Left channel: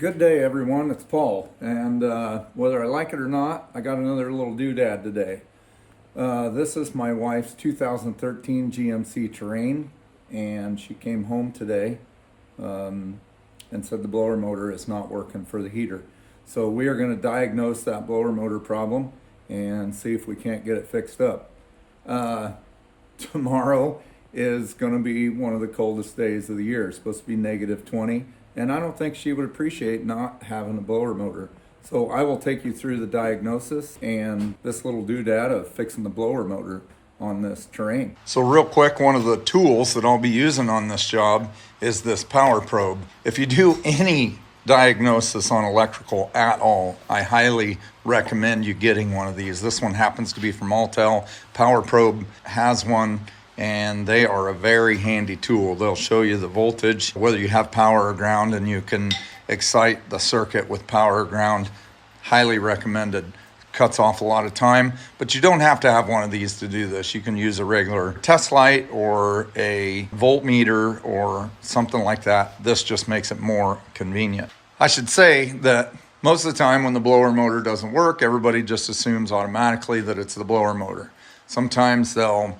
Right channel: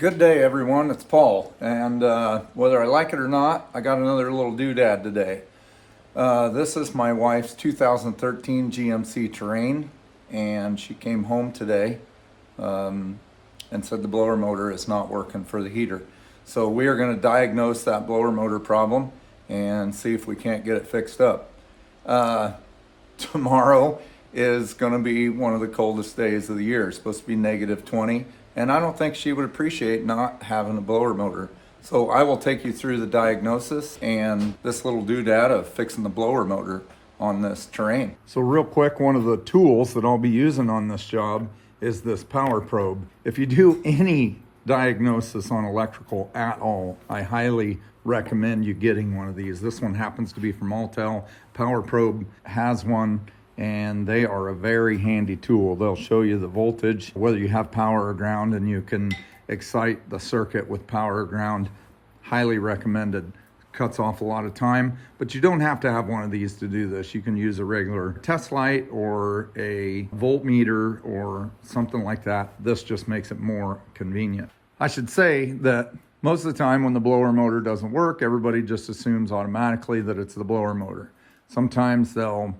Good day, everyone. It's Paul, and whether I like it or not, I got another little doodad today. This is my wife's 2013 GMC Terrain, and she came home today and said the blower motor is not working for the heater. So we are going to diagnose that blower motor problem and see if we can't get it fixed up. Tomorrow is going to be one of the coldest days of the year. It's supposed to be -20. And I don't think she would appreciate not having a blower motor. So I will take you through the diagnosis and this little doodad of fixing the blower motor on this Terrain. So real quick, one of the tools that I'll be using on this job is this power probe. If you do any diagnosis on electrical at all, I highly recommend you getting one of these. This one happens to be from Altel. Power Probe has one, and they are a very handy tool. They'll show you the voltage, whether you have power or ground, and you can excite the circuit with power or ground. Highly recommended. Cuts off a lot of time, but you don't have to have one of these to do this. You can use a regular test light or a voltmeter or something like that. This just makes it more convenient. I should say that most of the time when the blower motor doesn't work, everybody just assumes automatically that it's the blower motor. Sometimes they'll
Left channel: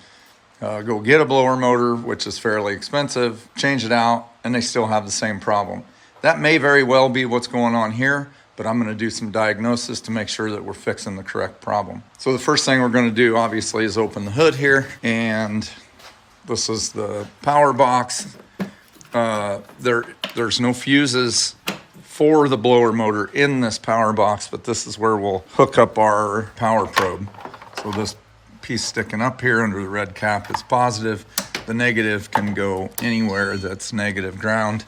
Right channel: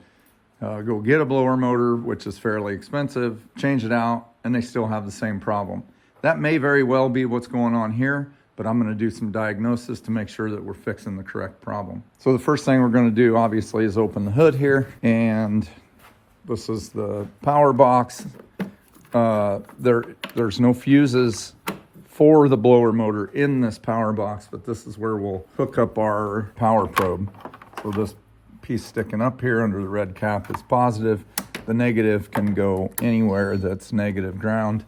go get a blower motor, which is fairly expensive, change it out, and they still have the same problem. That may very well be what's going on here, but I'm going to do some diagnosis to make sure that we're fixing the correct problem. So the first thing we're going to do, obviously, is open the hood here, and this is the power box. There's no fuses for the blower motor in this power box, but this is where we'll hook up our power probe. So this piece sticking up here under the red cap is positive. The negative can go anywhere that's negative ground.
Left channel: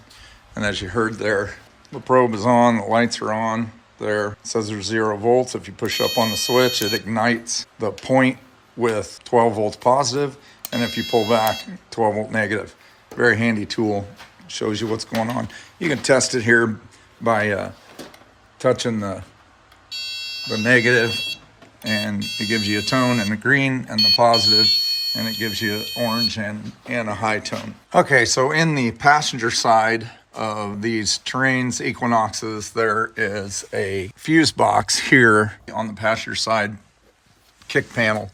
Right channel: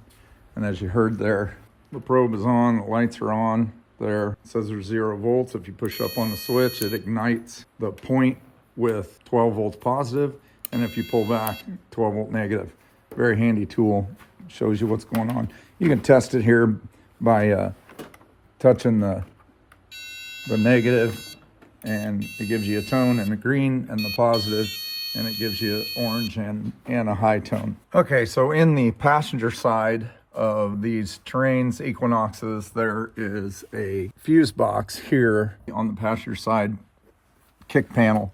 And as you heard there, the probe is on, the lights are on. There, it says there's 0 volts. If you push up on the switch, it ignites the point with 12 volts positive. And if you pull back, 12 volt negative. Very handy tool, shows you what's going on. You can test it here by touching the negative, and it gives you a tone, and the green and the positive, and it gives you orange and a high tone. Okay, so in the passenger side of these Terrains, Equinoxes, there is a fuse box here on the passenger side kick panel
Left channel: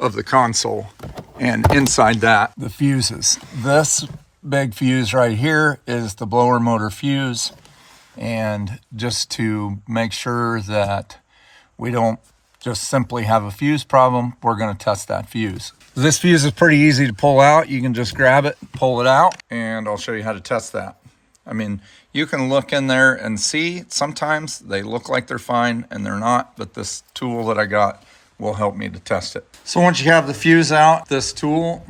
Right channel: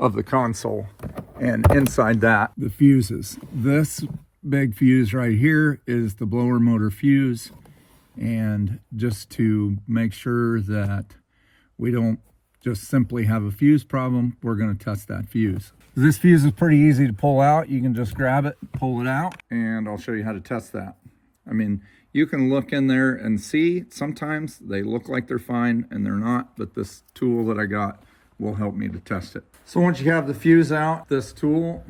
of the console, and inside that, the fuses. This big fuse right here is the blower motor fuse, and just to make sure that we don't just simply have a fuse problem, we're going to test that fuse. This fuse is pretty easy to pull out. You can just grab it, pull it out, and I'll show you how to test that. I mean, you can look in there and see sometimes they look like they're fine and they're not, but this tool that I got will help me to test it. So once you have the fuse out, this tool,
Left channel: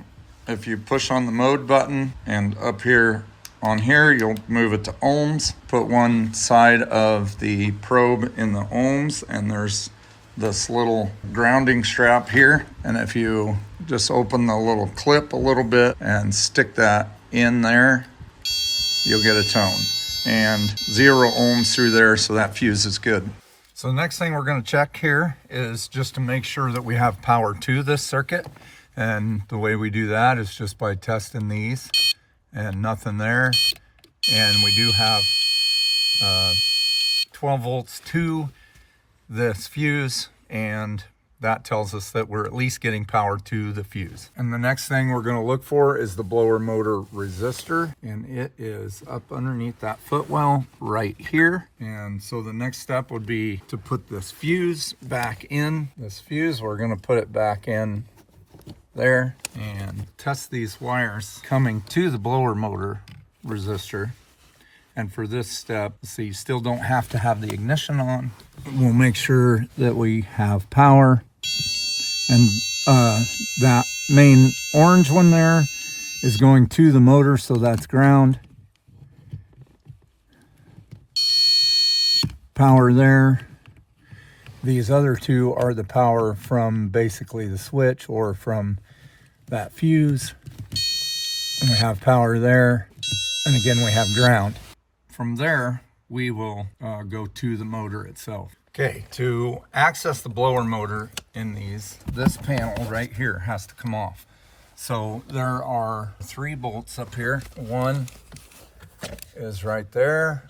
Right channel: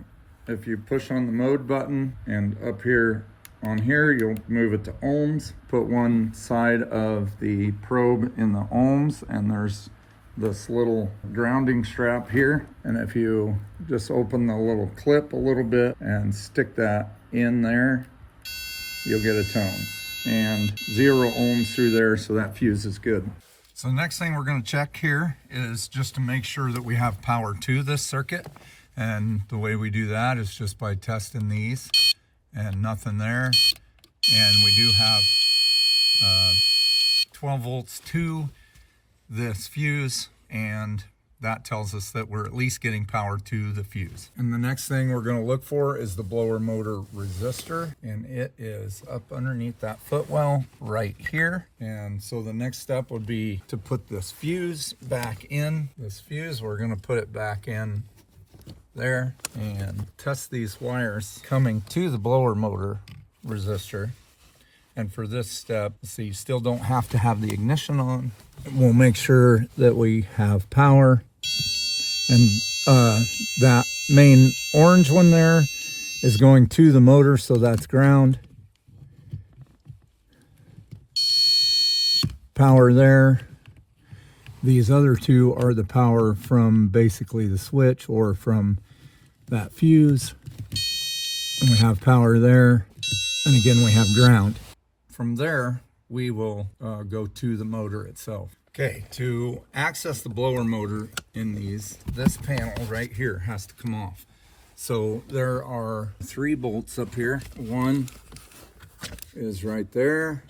if you push on the mode button and up here on here, you'll move it to ohms, put one side of the probe in the ohms, and there's this little grounding strap here. And if you just open the little clip a little bit and stick that in there, you'll get a tone, and 0 ohms through there, so that fuse is good. So the next thing we're going to check here is just to make sure that we have power to this circuit, and the way we do that is just by testing these, and nothing there. And we do have 12 volts to this fuse, and that tells us that we're at least getting power to the fuse. And the next thing we're going to look for is the blower motor resistor, and it is up underneath that footwell right here. And so the next step would be to put this fuse back in. This fuse, we're going to put it back in there and test these wires coming to the blower motor resistor. And for this step, so you still don't have to have the ignition on. We'll make sure that we have power. And that main orange one there is going to the motor, so that's ground. Power there. These other two are the power from basically the switch or from that fuse. And we have power there. And again, we have ground. From there, we will go to the motor itself. Okay, to access the blower motor in these, this panel right here has to come off. So there are 3 bolts up here. One is right there.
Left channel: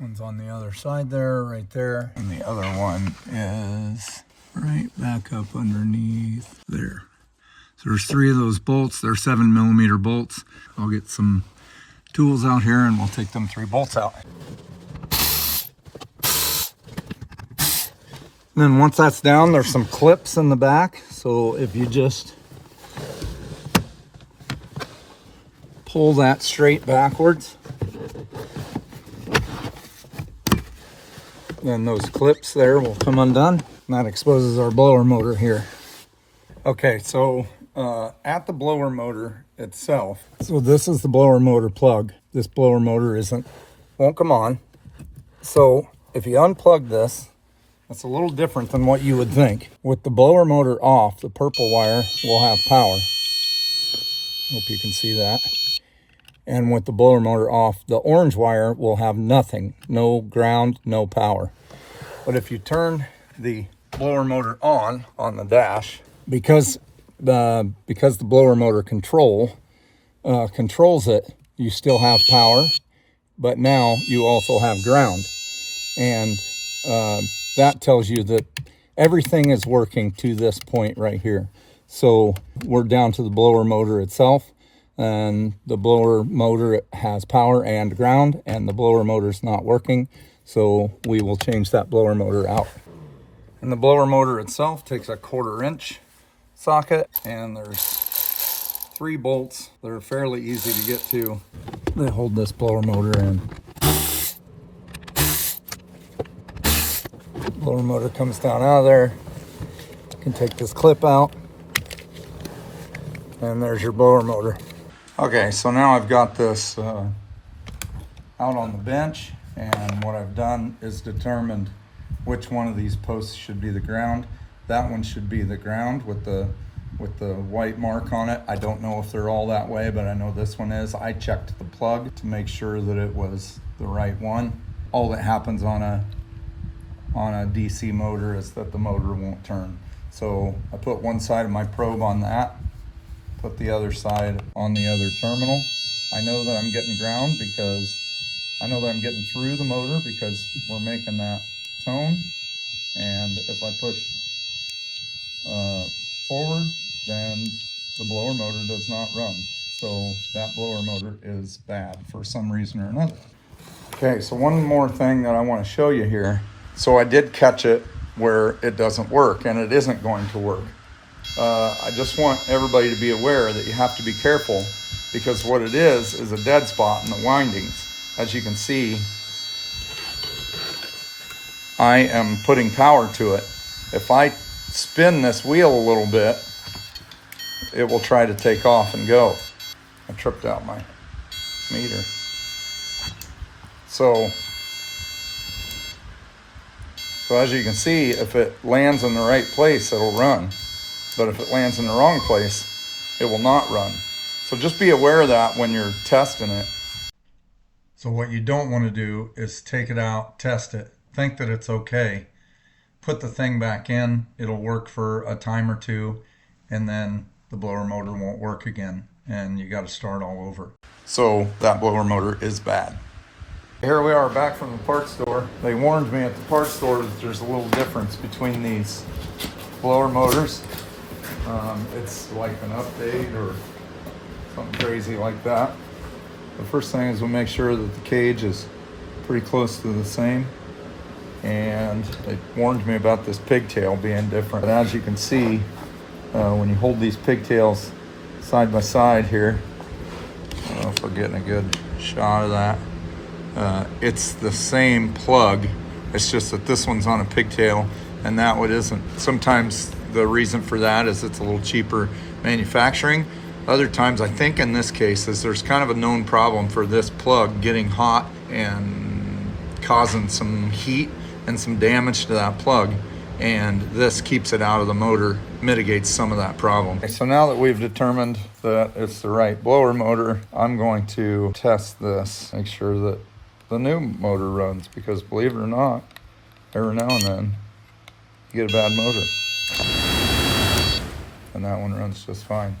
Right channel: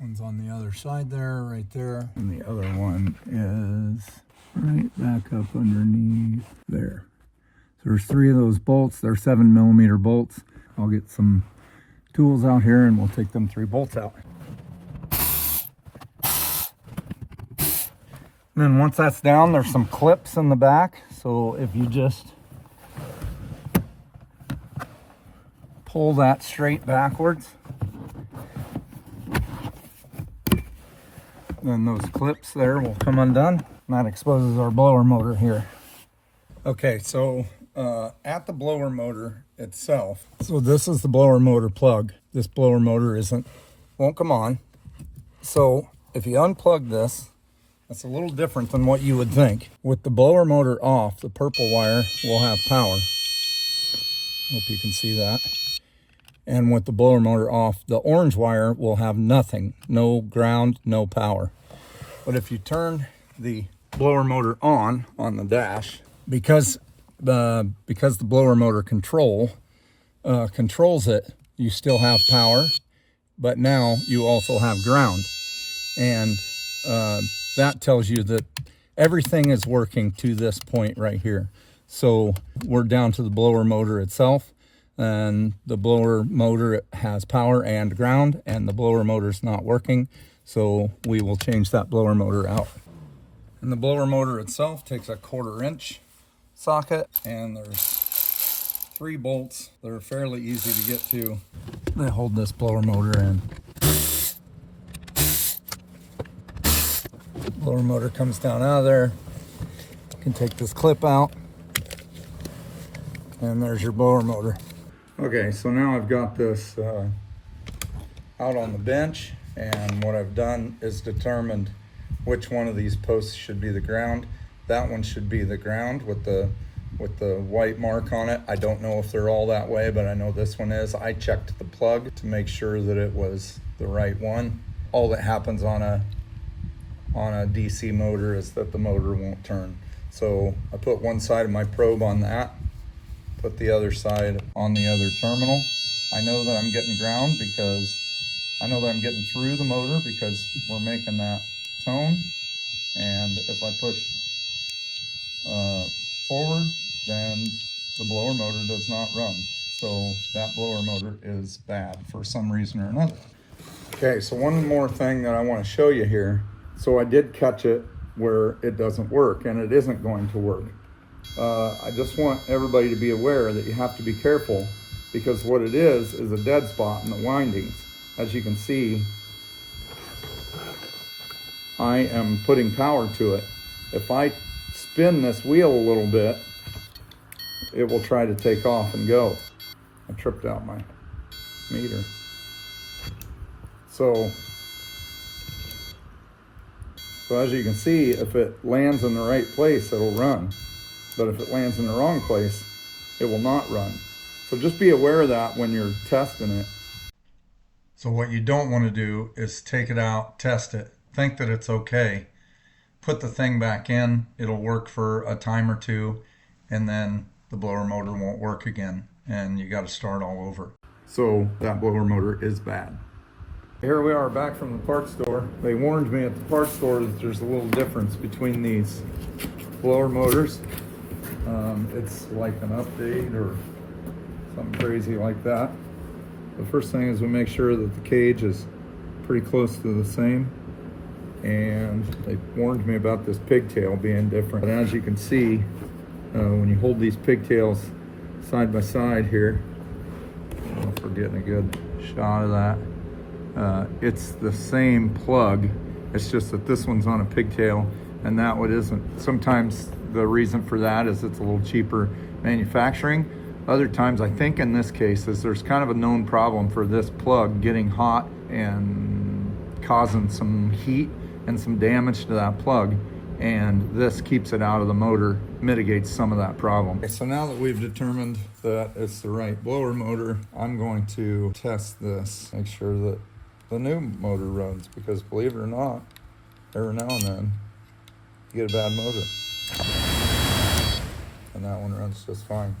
One's on the other side there, right there. And the other one is right back up underneath there. So there's 3 of those bolts. They're 7mm bolts. I'll get some tools out here and we'll take them 3 bolts out. And then once that's down, there's some clips in the back. So if you just pull that straight backwards, then those clips there will come undone. And that exposes our blower motor here. Okay, so at the blower motor itself, so this is the blower motor plug. This blower motor won't come on. So if you unplug this, that's a little different than what you would think. With the blower motor off, the purple wire will have power. Hope you can see that. And with the blower motor off, the orange wire will have nothing. No ground, no power. But if you turn the blower motor on the dash, because the blower motor controls it, you still have power, but now you also have ground. And that tells you that everything is working to this point right here. So we're down to the blower motor itself, and the blower motor has power and ground, and the blower motor's not working. So we will change that blower motor out. And the blower motor itself takes a 1/4 inch socket, and there's 3 bolts that are fairly easy to get to. They hold this blower motor in. Blower motor comes down out of there. You can take this clip out, and there's your blower motor. Okay, so now I've got this out on the bench, and what I've done is determined which one of these posts should be the ground. That one should be the ground with the white mark on it. I don't know if they're all that way, but I know this one is. I checked the plug to make sure that it was the right one. All that happens on a DC motor is that the motor won't turn. So I put one side of my probe on that, put the other side on the other terminal. I know that I'm getting ground because I know that I'm getting through the motor because we're making that tone. And if I push forward, then the blower motor does not run. So that blower motor is bad for some reason or another. Okay, so one more thing that I want to show you here. So I did catch it where it doesn't work, and it isn't going to work. I just want everybody to be aware that you have to be careful, because what it is a dead spot in the windings. As you can see, I am putting power to it. If I spin this wheel a little bit, it will try to take off and go. I tripped out my meter. So as you can see, if it lands in the right place, it'll run. But if it lands in the wrong place, it will not run. So just be aware of that when you're testing it. So what you don't want to do is take it out, test it, think that it's okay, put the thing back in, it'll work for a time or two, and then the blower motor won't work again, and you got to start all over. So that blower motor is bad. Here we are back from the parts store. They warned me at the parts store that there's a little difference between these blower motors. It's like an update or something crazy like that. The first thing is we'll make sure that the cage is pretty close to the same. And it warned me about this pigtail being different. But as you can see, when you hold these pigtails side by side here, I don't know if we're getting a good shot of that. It's the same plug. It's just that this one's on a pigtail and that one isn't. Sometimes the reason for that is it's a little cheaper manufacturing. Other times, I think in this case, is there's kind of a known problem for this plug getting hot and causing some heat and some damage to that plug. And this keeps it out of the motor, mitigates some of that problem. Okay, so now that we've determined that it's the right blower motor, I'm going to test this, make sure that the new motor runs, because believe it or not, every now and then you get a bad motor. And that one runs just fine.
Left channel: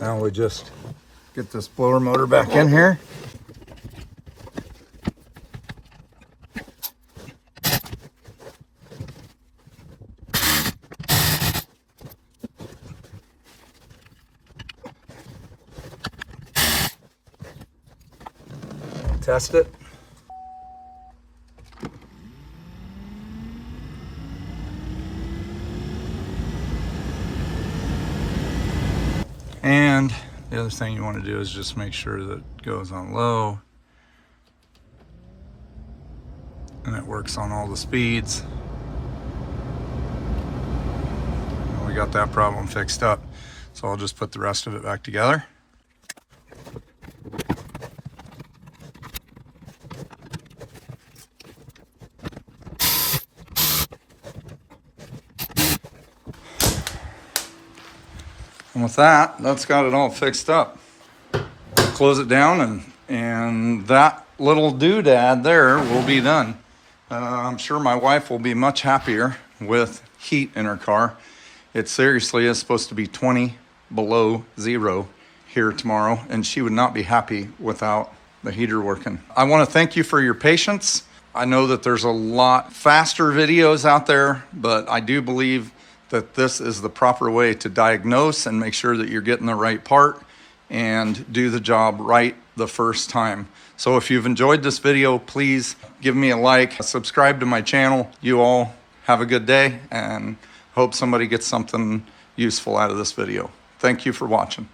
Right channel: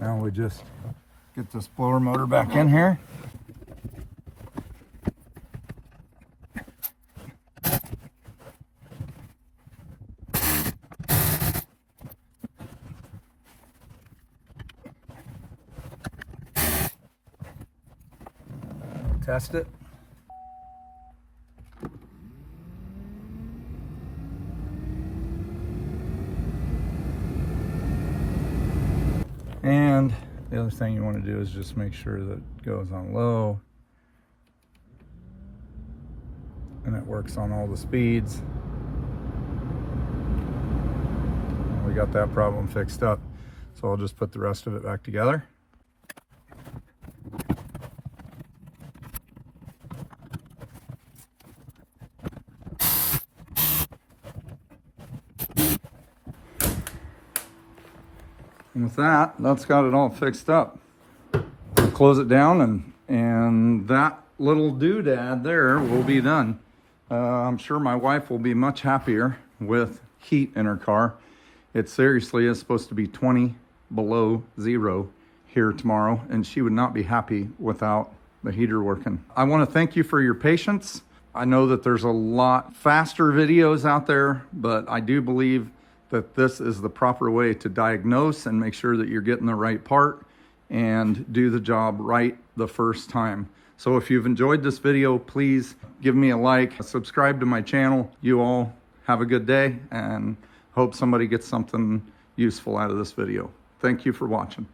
Now we just get this blower motor back in here. test it. And the other thing you want to do is just make sure that it goes on low and it works on all the speeds. And we got that problem fixed up. So I'll just put the rest of it back together. And with that, that's got it all fixed up. Close it down and that little doodad there will be done. I'm sure my wife will be much happier with heat in her car. It seriously is supposed to be 20 below zero here tomorrow, and she would not be happy without the heater working. I want to thank you for your patience. I know that there's a lot faster videos out there, but I do believe that this is the proper way to diagnose and make sure that you're getting the right part and do the job right the first time. So if you've enjoyed this video, please give me a like, subscribe to my channel. You all have a good day and hope somebody gets something useful out of this video. Thank you for watching.